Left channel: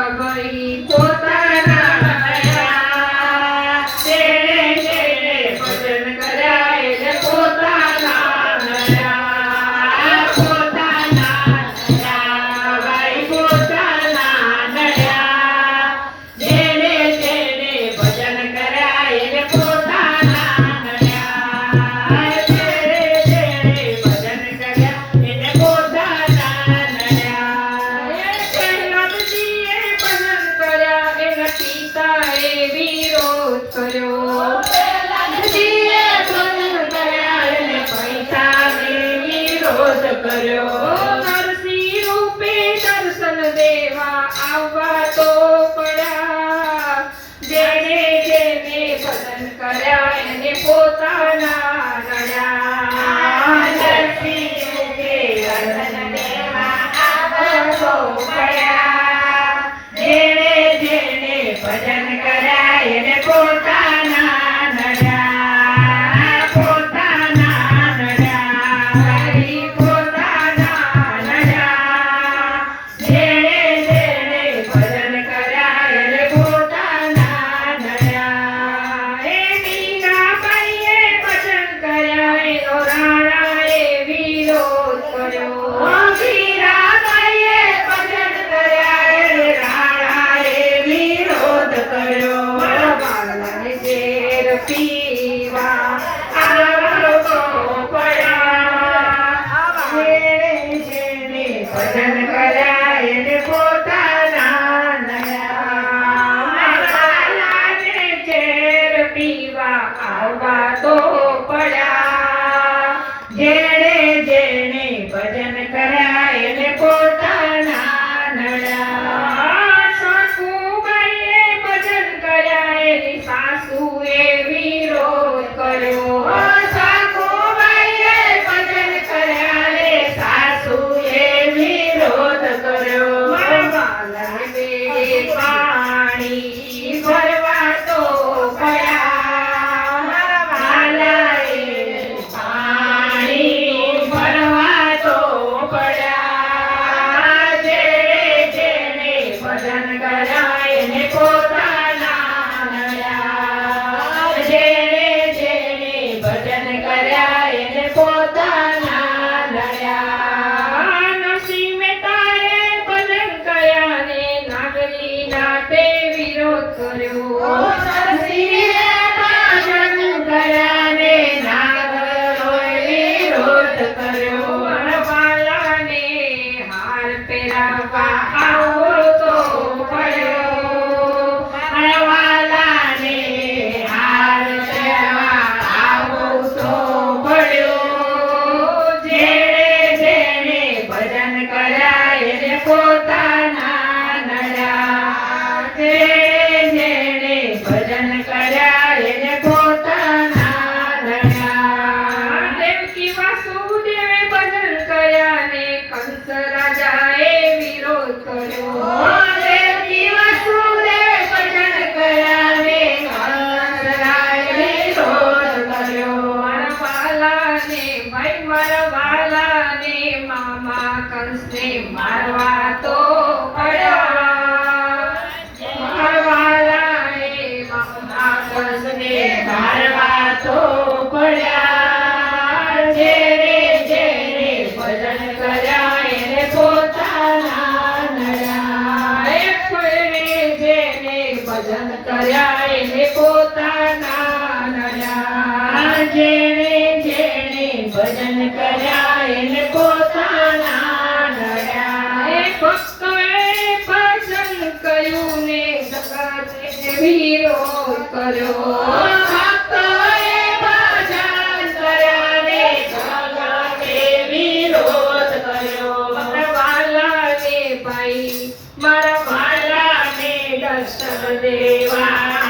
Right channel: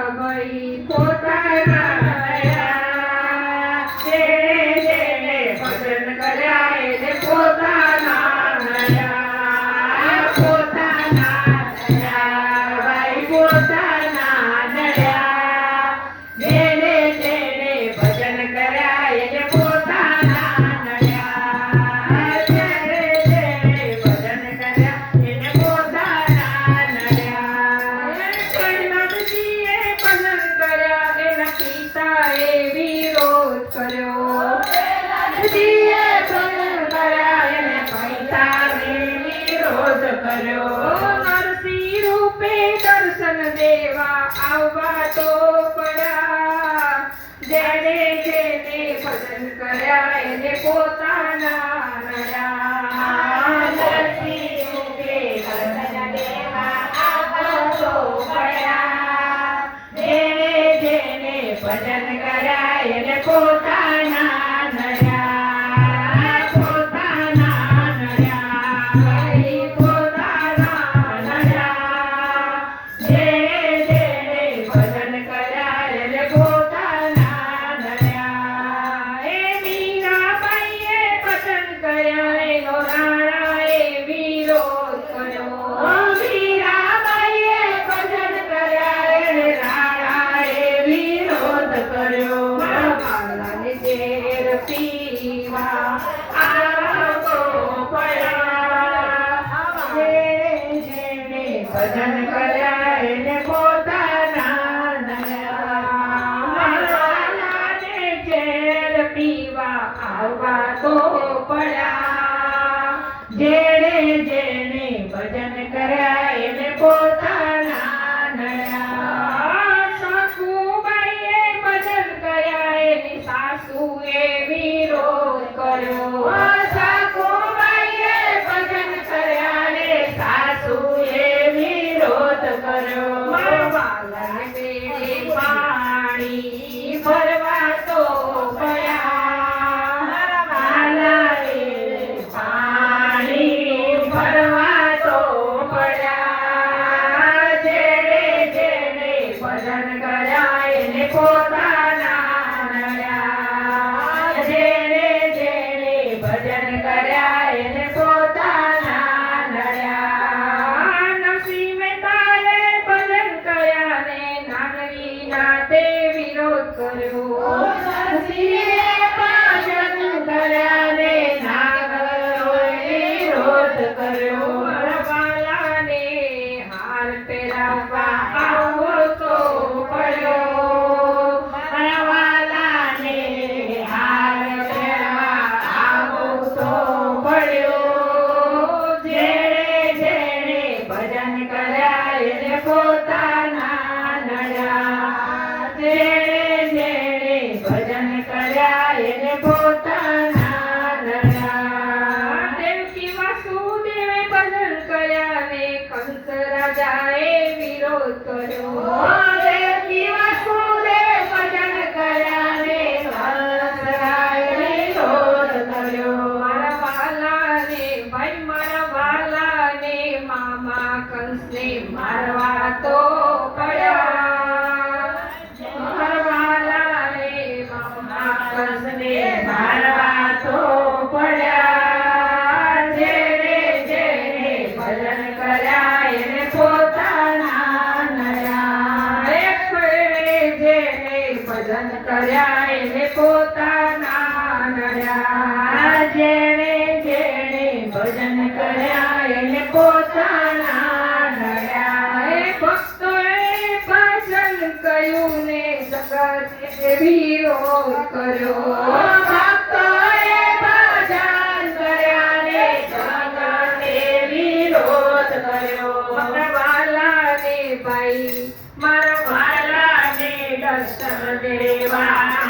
ભાઈ પોતાના નડ્યા જેણે ભજન કર્યા એને પોતાના નડ્યા પોતાના નડ્યા ભાઈ પોતાના નડ્યા જેણે ભજન કર્યા એને પોતાના નડ્યા જેણે ભજન કર્યા એને પોતાના નડ્યા પ્રહલાદજીએ ભજન કર્યા એના પિતાએ વિરોધ કર્યો પ્રહલાદજીએ ભજન કર્યા એને પિતાએ વિરોધ કર્યો નરસિંહ રૂપે દર્શન દેવા આવવા તો પડ્યા જેણે ભજન કર્યા એને પોતાના નડ્યા નરસિંહ રૂપે દર્શન દેવા આવવા તો પડ્યા જેણે ભજન કર્યા એને પોતાના નડ્યા પોતાના નડ્યા પોતાના નડ્યા જેણે ભજન કર્યા એને પોતાના નડ્યા એ મીરાબાઈએ ભજન કર્યા એનો રાણાએ વિરોધ કર્યો મીરાબાઈએ ભજન કર્યા એને રાણાએ વિરોધ કર્યો વાલાને ઝેર પીવા આવતો પડ્યા જેણે ભજન કર્યા એને પોતાના નડ્યા વાલાને ઝેર પીવા આવવા તો પડ્યા જેણે ભજન કર્યા એને પોતાના નડ્યા સાસુબાઈએ ભજન કર્યા એની સાસુએ વિરોધ કર્યો સાસુબાઈએ ભજન કર્યા ને સાસુએ વિરોધ કર્યો વાલાને બેડે પાણી ભરવા તો પડ્યા વાલાએ પાણી ભરવા તો પડ્યા જેણે ભજન કર્યા એને પોતાના નડ્યા જેણે ભજન કર્યા એને પોતાના નડ્યા નરસિંહ મહેતાએ ભજન કર્યા ને નાગરી નાથે વિરોધ કર્યો નરસિંહે ભજન કર્યા ને નાગરોએ વિરોધ કર્યો વાલાને હાર પહેરાવા આવો તો પડ્યો વાલાને હાર પહેરાવા આવો તો પડ્યો જેણે ભજન કર્યા એને પોતાના નડ્યા જેણે ભજન કર્યા એને પોતાના નડ્યા દેવકી વાસુદેવે ભજન કર્યા ને કંસ રાજાએ વિરોધ કર્યો દેવકી વાસુદેવે ભજન કર્યા ને કંસ રાજાએ વિરોધ કર્યો મારા વાલાને ભાઈ મારા વાલાને મામા કંસને મારવા તો પડ્યા મારા વાલાએ મામા કંસને મારવા તો પડ્યા જેણે ભજન કર્યા એને પોતાના નડ્યા જેણે ભજન કર્યા એને પોતાના નડ્યા જેણે ભજન કર્યા એને પોતાના નડ્યા એ ભક્તોએ ભજન કર્યું ને જગતે વિરોધ કર્યો ભક્તોએ ભજન કર્યા ને જગતે વિરોધ કર્યો મારા વાલાને ભાઈ મારા વાલાને દર્શન દેવા